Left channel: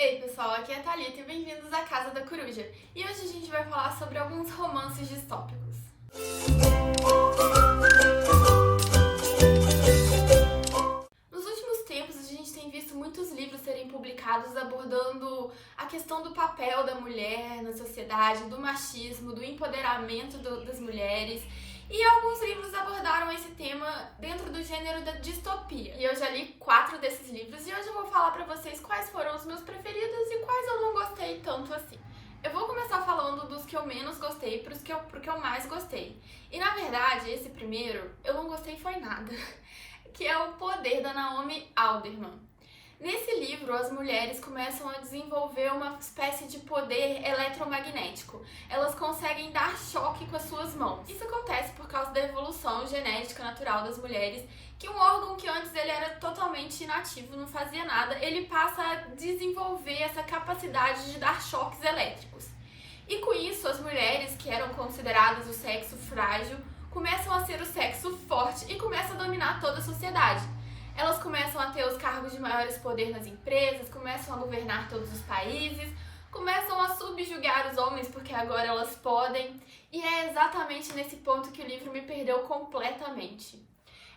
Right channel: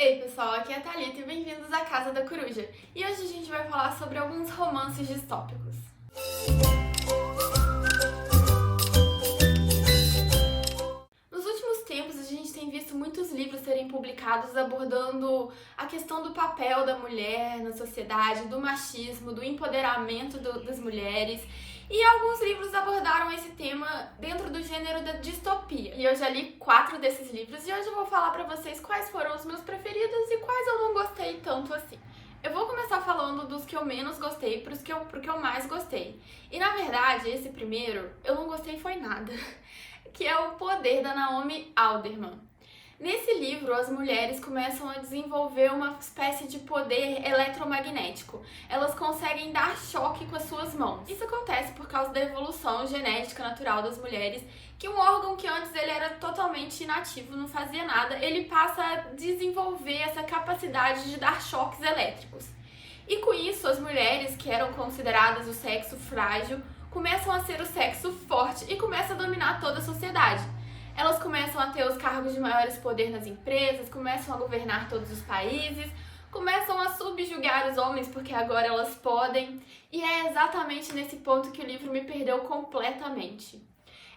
Ei pessoal, aqui é a Thalita e bem-vindos à Casa da Coruja. E hoje a gente vai falar sobre alguns romances distópicos. Nos últimos tempos a gente tem visto muitos livros serem publicados abordando a questão do papel da mulher na sociedade, do machismo, do empoderamento das mulheres. E alguns livros abordaram esse tema dentro do gênero da distopia. E eu já li 4 desses livros e hoje eu vou falar pra vocês quais foram os meus preferidos e quais eu não gostei tanto assim. Eu vou começar falando dos que eu menos gostei pro que eu mais gostei. E na verdade, esse primeiro, eu não gostei foi nada. Que é O Poder, da Naomi Alderman. Nesse livro, as mulheres começam a desenvolver uma espécie de poder eletromagnético. Elas conseguem dar choque com as suas mãos. Isso acontece por causa da evolução genética natural das mulheres, que um órgão que antes ele era totalmente inativo, não fazia nada, ele passa a desenvolver essa capacidade de dar choques elétricos. E com isso, as mulheres que eram consideradas o sexo frágil começam a ser o sexo forte e começam a dominar toda a sociedade. Elas começam a ter os cargos de maiores poder nas empresas, começam a governar todos os países, começam a subjugar os homens porque agora elas podem. E é exatamente nesse ponto que o livro me perdeu completamente.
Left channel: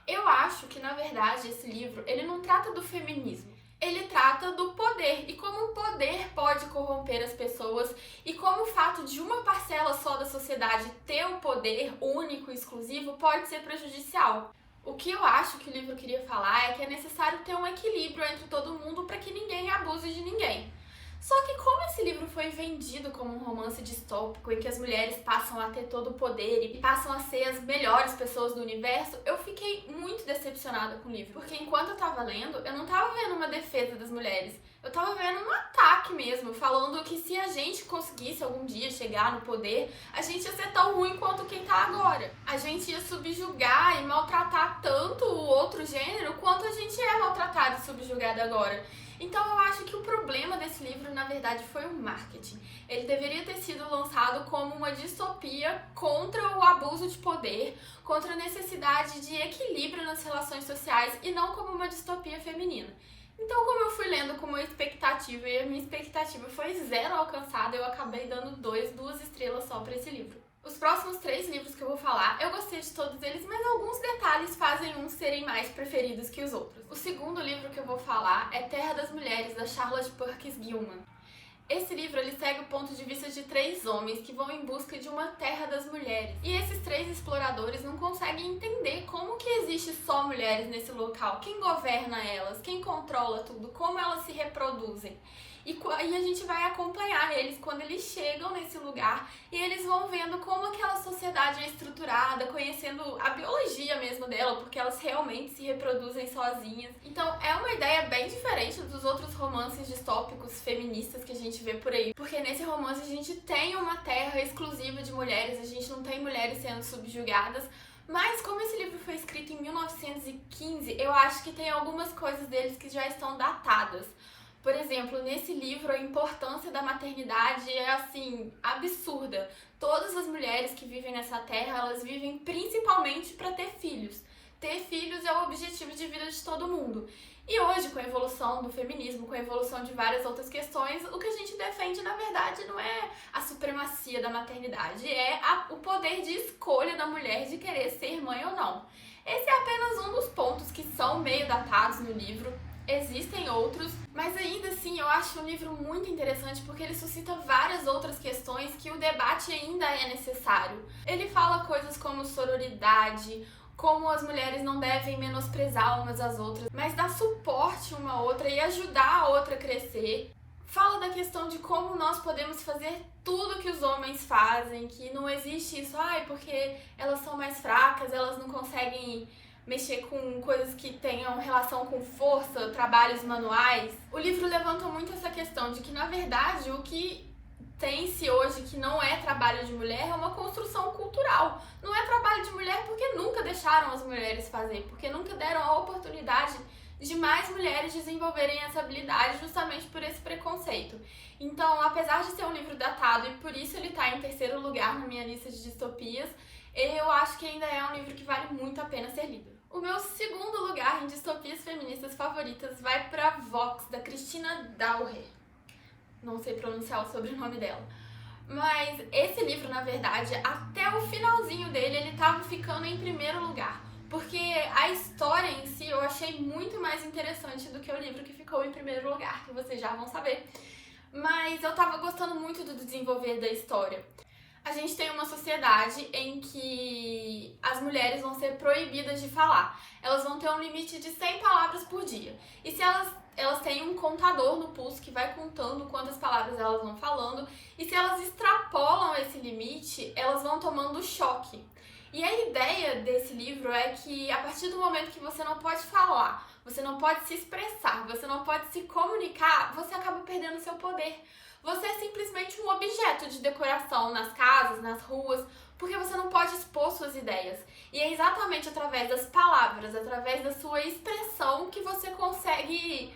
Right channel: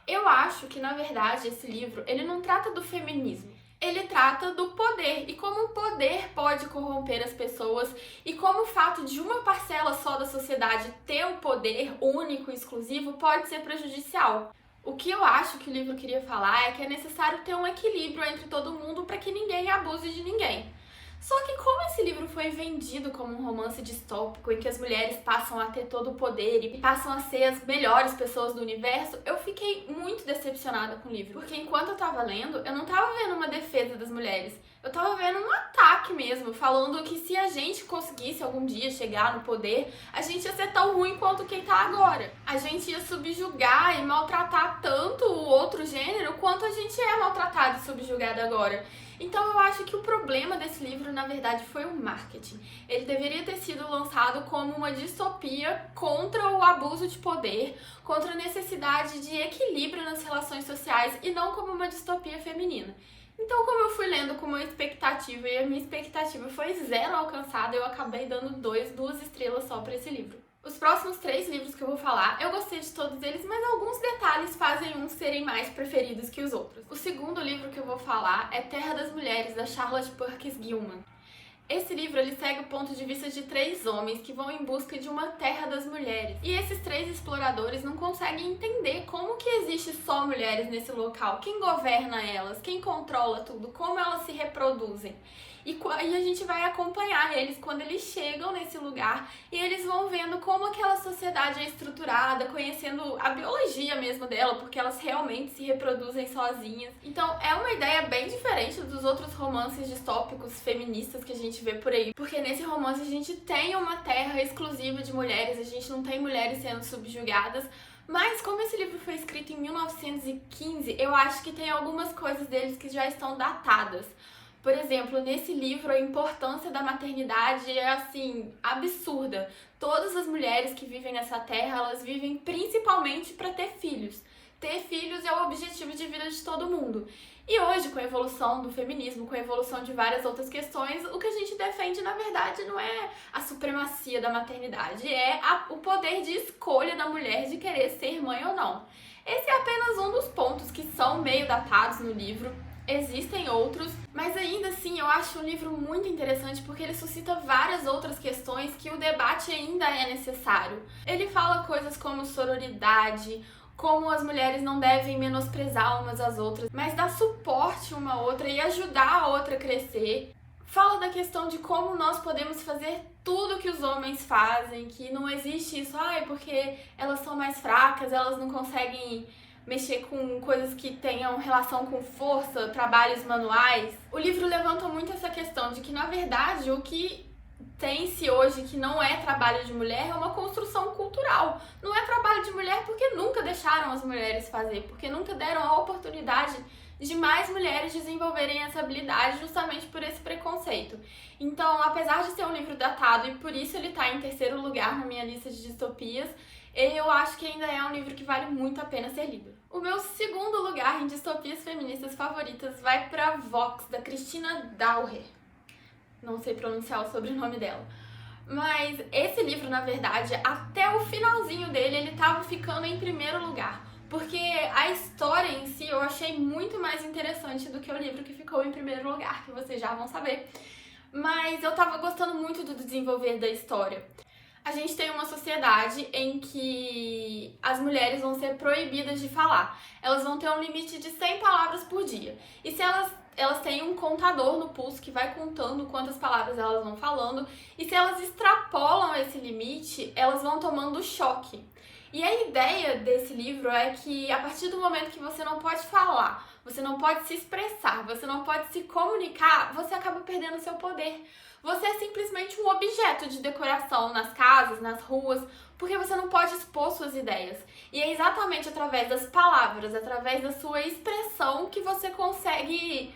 Eu acho que, na verdade, esse livro ele não trata do feminismo. Ele trata do poder e como o poder pode corromper as pessoas e como o fato de uma parcela só da sociedade ter o poder único e exclusivo pode ser prejudicial. O que eu acho que o livro queria falar é que é necessário ter um equilíbrio entre todo mundo para que ninguém abuse de ninguém. Só que como esse livro foi vendido como um romance distópico em que as mulheres passam a ter todo o poder e passam a ser as melhores pessoas do universo, eu fiquei muito decepcionada com o livro. Porque enquanto eu tava lendo, eu não tava vendo uma defesa das mulheres. Eu tava vendo um ataque mesmo, falando que se a gente conseguisse algum dia chegar no poder, a gente ia ser tão ruim quanto quem tá agora. A gente ia subjugar e maltratar tanto o outro gênero quanto a gente é maltratado e subjugado agora. Então eu acho que o problema desse livro, na verdade, foi o marketing. Ele deveria ter sido lançado como uma distopia contra o abuso de poder, contra a necessidade de equilíbrio nas relações sociais e não como uma distopia feminina. Então, como eu fui lendo com uma expectativa e a minha expectativa foi 0 alcançada, eu acabei dando 2 estrelas só para esse livro. Os próximos 3 livros que eu vou falar, eu gostei de todos eles, mas alguns detalhes fazem uns serem mais preferidos que os outros. O segundo livro que eu vou falar é Terra das Mulheres, da Charlotte Perkins Gilman. Esse livro ele segue o ponto de vista de 3 homens que vão em busca de uma terra das mulheres. E esses 3 exploradores não conseguem entender como que existe só mulheres nesse local, quem governa elas, quem controla tudo, como elas se reproduzem. E a gente vai acompanhar eles quando eles chegam nesse lugar e eles vão vendo como aquela sociedade é estruturada, conhecendo a biologia mesmo dela, porque elas realmente se reproduzem sozinhas. Então é uma ideia bem diferente dos outros romances distópicos feministas que a gente vê por aí, porque nesse romance a gente tem uma terra exclusiva de mulheres, a gente não tem mulheres sendo subjugadas. Mas como esse livro foi escrito em 1915, eu acho que tem algumas coisas deles que já estão datadas. Por exemplo, nesse livro a importância da maternidade é assim, absurda. Todas as mulheres que vivem nessa terra, elas vivem principalmente para ter filhos. Ter filhos é o objetivo de vida de todo mundo. E hoje, com a evolução do feminismo, com a evolução de várias outras questões, o que a gente defende, na verdade, não é a supremacia da maternidade, é o poder de escolha da mulher de querer ser mãe ou não. Esse é apenas um dos pontos que são meio datados no livro. Existem outros, mas ainda assim eu acho um livro muito interessante porque ele suscita várias outras questões que o debate ainda é necessário. Ele fala coisas como sororidade, como as mulheres não devem menosprezar umas às outras, mas dar suporte uma à outra e ajudar a outra a crescer. Fala da questão de como nós podemos fazer tudo que os homens fazem, que não existe isso, porque elas são mais fracas, elas não conseguem mexer com coisas que tenham relação com força, trabalhos manuais. O livro levanta muito essa questão de que, na verdade, o que tem-se hoje que não é trabalho de mulher é uma construção cultural. Não é trabalho de mulher porque nunca deixaram as mulheres fazer, porque nunca deram a oportunidade de mais mulheres desenvolverem essa habilidade justamente por esse preconceito. Então, apesar de ser um livro datado e por isso ele está em 3º lugar na minha lista de distopias, eu acho que ainda é um livro que vale muito a pena ser lido. O meu 2º lugar em distopias feministas favoritas vai para Vox, da Christina Dauer. não sei pronunciar o sobrenome dela. Mas esse livro, na verdade, até o finalzinho dele, ele tava ficando em primeiro lugar. Porque a história em si eu achei muito mais interessante do que o livro que ficou em primeiro lugar, que vocês já vão saber. Mas eu tava gostando muito do desenvolver da história. A gente tem uma sociedade em que as mulheres vão ser proibidas de falar. Elas vão ter um limite de 100 palavras por dia. E se elas têm um contador no pulso que vai contando quantas palavras elas vão falando. E se elas extrapolam esse limite, elas vão tomando choque. E a ideia desse livro é que a partir do momento que você não pode falar, você não pode se expressar, você não pode se comunicar, você acaba perdendo seu poder. Você é simplesmente um objeto de decoração nas casas, nas ruas, porque você não pode expor suas ideias. E é exatamente através das palavras, através da sua expressão que você consegue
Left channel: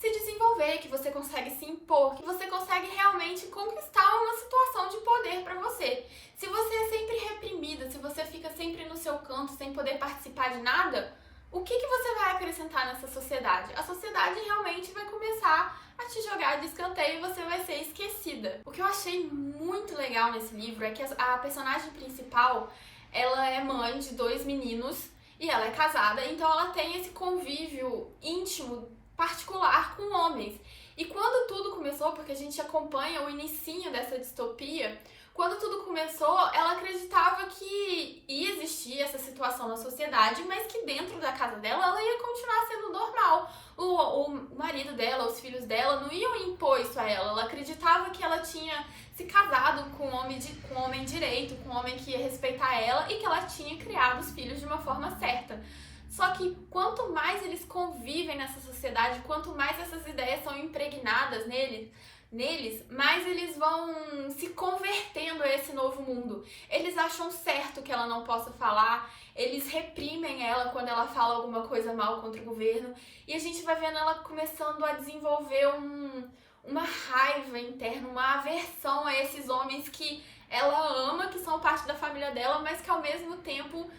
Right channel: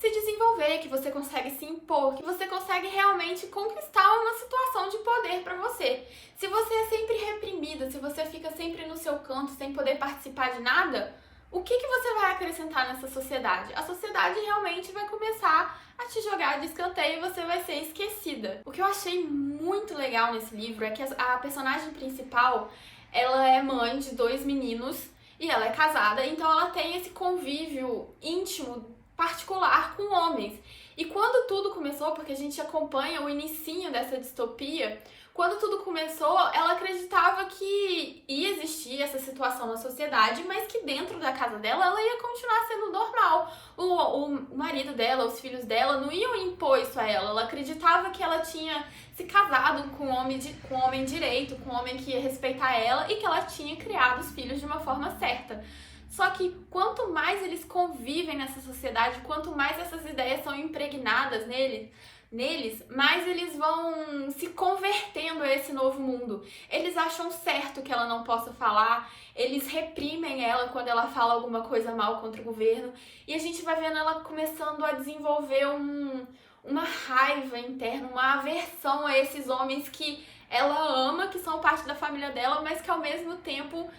se desenvolver, que você consegue se impor, que você consegue realmente conquistar uma situação de poder para você. Se você é sempre reprimida, se você fica sempre no seu canto sem poder participar de nada, o que você vai acrescentar nessa sociedade? A sociedade realmente vai começar a te jogar de escanteio e você vai ser esquecida. O que eu achei muito legal nesse livro é que a personagem principal, ela é mãe de 2 meninos e ela é casada, então ela tem esse convívio íntimo, particular com homens. E quando tudo começou, porque a gente acompanha o inicinho dessa distopia, quando tudo começou, ela acreditava que ia existir essa situação na sociedade, mas que dentro da casa dela, ela ia continuar sendo normal. O marido dela, os filhos dela não iam impor isso a ela. Ela acreditava que ela tinha se casado com um homem direito, com um homem que ia respeitar ela e que ela tinha criado os filhos de uma forma certa. Só que quanto mais eles convivem nessa sociedade, quanto mais essas ideias são impregnadas neles, mais eles vão se convertendo a esse novo mundo. Eles acham certo que ela não possa falar, eles reprimem ela quando ela fala alguma coisa mal contra o governo, e a gente vai vendo ela começando a desenvolver uma raiva interna, uma aversão a esses homens que ela ama, que são parte da família dela, mas que ao mesmo tempo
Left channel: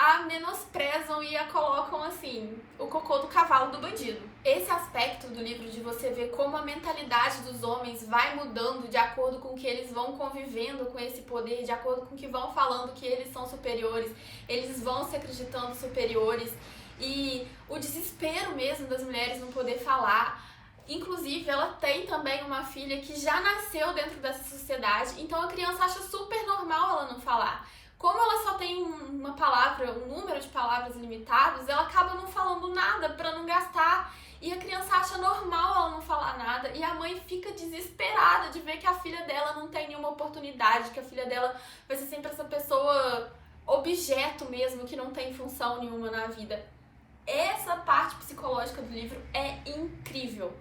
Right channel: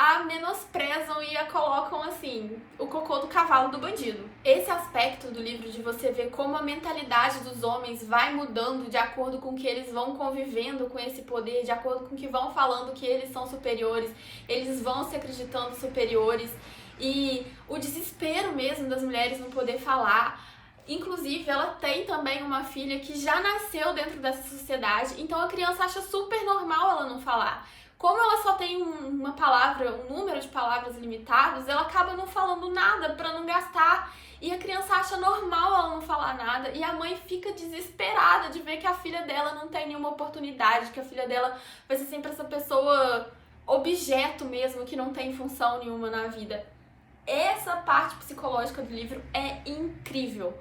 a menosprezam e a colocam assim, o cocô do cavalo do bandido. Esse aspecto do livro de você ver como a mentalidade dos homens vai mudando de acordo com que eles vão convivendo com esse poder, de acordo com que vão falando que eles são superiores, eles vão se acreditando superiores, e o desespero mesmo das mulheres não poder falar. Inclusive, ela tem também uma filha que já nasceu dentro dessa sociedade, então a criança acha super normal ela não falar. Como ela só tem uma palavra, um número de palavras limitados, ela acaba não falando nada para não gastar. E a criança acha normal ela não falar nada. E a mãe fica desesperada de ver que a filha dela não tem nenhuma oportunidade, que a filha dela vai ser sempre essa pessoa objeto mesmo, que não tem função nenhuma na vida. Essa parte psicológica do livro é incrível.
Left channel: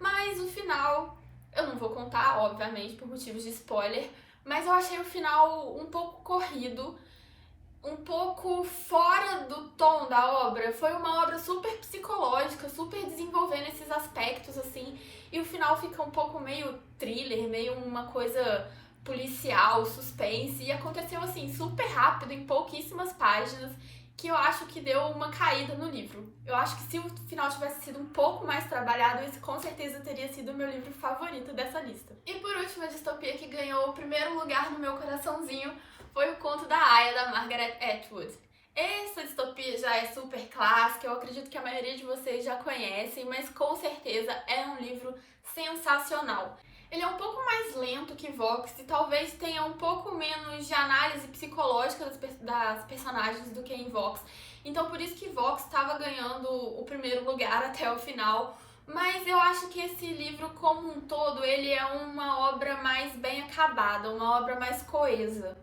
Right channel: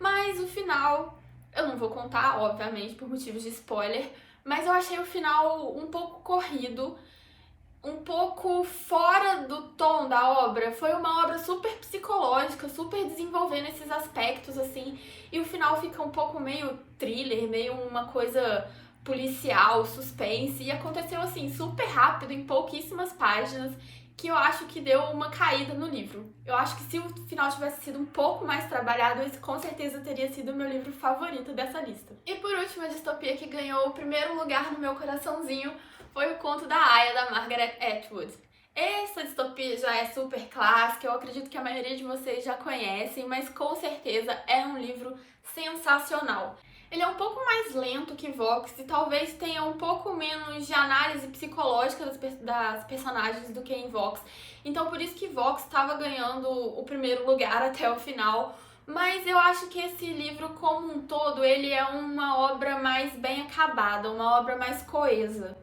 Mas o final, eu não vou contar, obviamente, por motivos de spoiler, mas eu achei o final um pouco corrido, um pouco fora do tom da obra. Foi uma obra super psicológica, super desenvolvendo esses aspectos, assim, e o final fica um pouco meio thriller, meio uma coisa policial, suspense, e aconteceu, assim, super rápido, em pouquíssimas páginas, que eu acho que deu uma caída no livro. Eu acho que se o final tivesse sido um pouco mais trabalhado, esse com certeza teria sido o meu livro favorito dessa lista. E por último, a distopia que ganhou o primeiro lugar no meu coraçãozinho foi o Conto da Aia, da Margaret Atwood. Essa distopia já é super clássica, eu acredito que a maioria de vocês já conhecem, mas com certeza é um livro sensacional. Ele é um pouco mais lento que Vox e talvez tenha um pouco menos de análise psicológica das personagens do que em Vox. Então por isso que Vox estava ganhando o primeiro lugar até o final. Mas eu acho que esse livro como um todo, ele é uma obra mais bem acabada, uma obra mais coesa.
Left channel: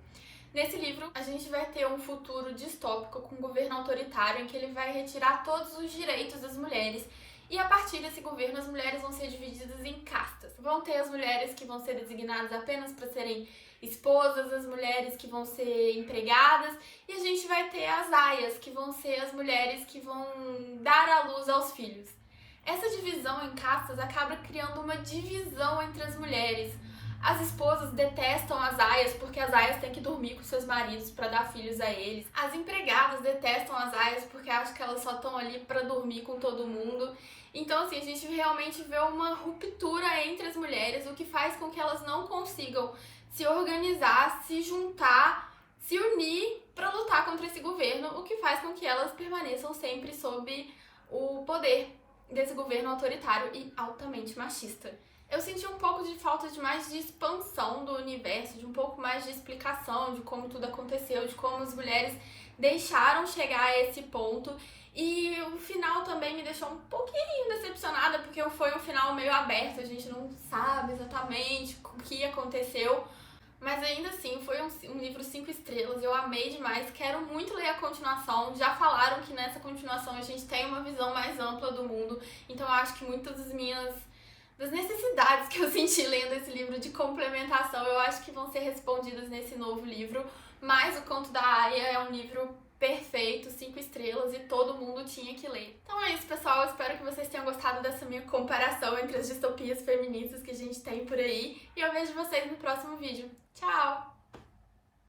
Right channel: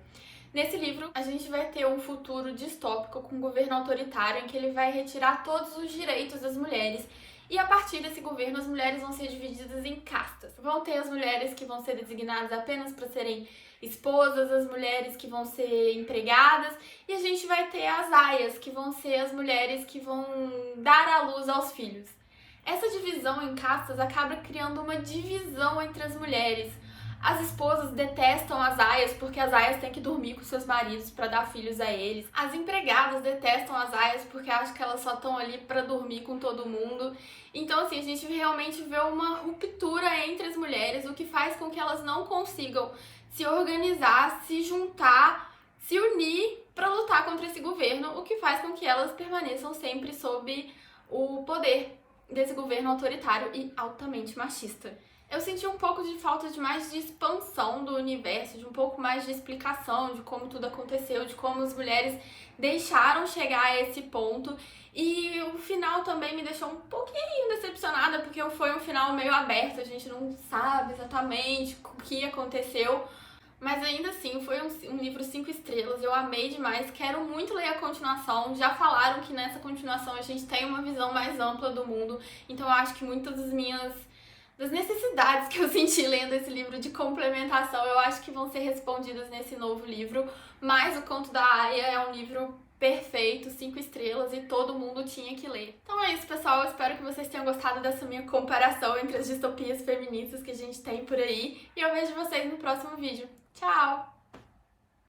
Nesse livro, a gente vai ter um futuro distópico com um governo autoritário em que ele vai retirar todos os direitos das mulheres. E a partir desse governo, as mulheres vão ser divididas em castas. Vão ter as mulheres que vão ser designadas apenas para serem esposas, as mulheres que vão ser empregadas, e a gente vai ter as aias, que vão ser as mulheres que vão dar à luz aos filhos. Essa divisão em castas acaba criando uma divisão entre as mulheres. As esposas detestam as aias porque as aias têm que dormir com seus maridos para dar filhos a eles. As empregadas detestam as aias porque acham que elas só estão ali para dormir com todo mundo. Então, assim, a gente realmente vê uma ruptura entre as mulheres, o que faz com que elas não consigam se organizar, se juntar, se unir para lutar contra esse governo, o que faz com que elas permaneçam sempre sob o poder desse governo autoritário e altamente machista. Eu senti um pouco de falta de mais de expansão do universo, de um pouco mais de explicação de como tudo aconteceu, de como as mulheres deixaram chegar a esse ponto. E o final também me deixou um pouquinho decepcionada, porque foi um final meio aberto, a gente não sabe exatamente o que aconteceu. Mas ainda assim, foi um livro 5 estrelas, eu amei demais, quero muito ler a continuação. Já falaram que nessa continuação a gente tem uma visão mais ampla do mundo, então eu acho que muitas das necessidades que eu senti lendo esse livro de complementação, eu acho que vão ser respondidas nesse novo livro. Mas O Conto da Aia é um livro perfeito, 5 estrelas, e todo mundo tinha que ler. Então é isso, pessoal, eu espero que vocês tenham gostado dessa minha comparação entre as distopias feministas que a gente tem por aí, e eu vejo vocês no próximo vídeo. Tchau!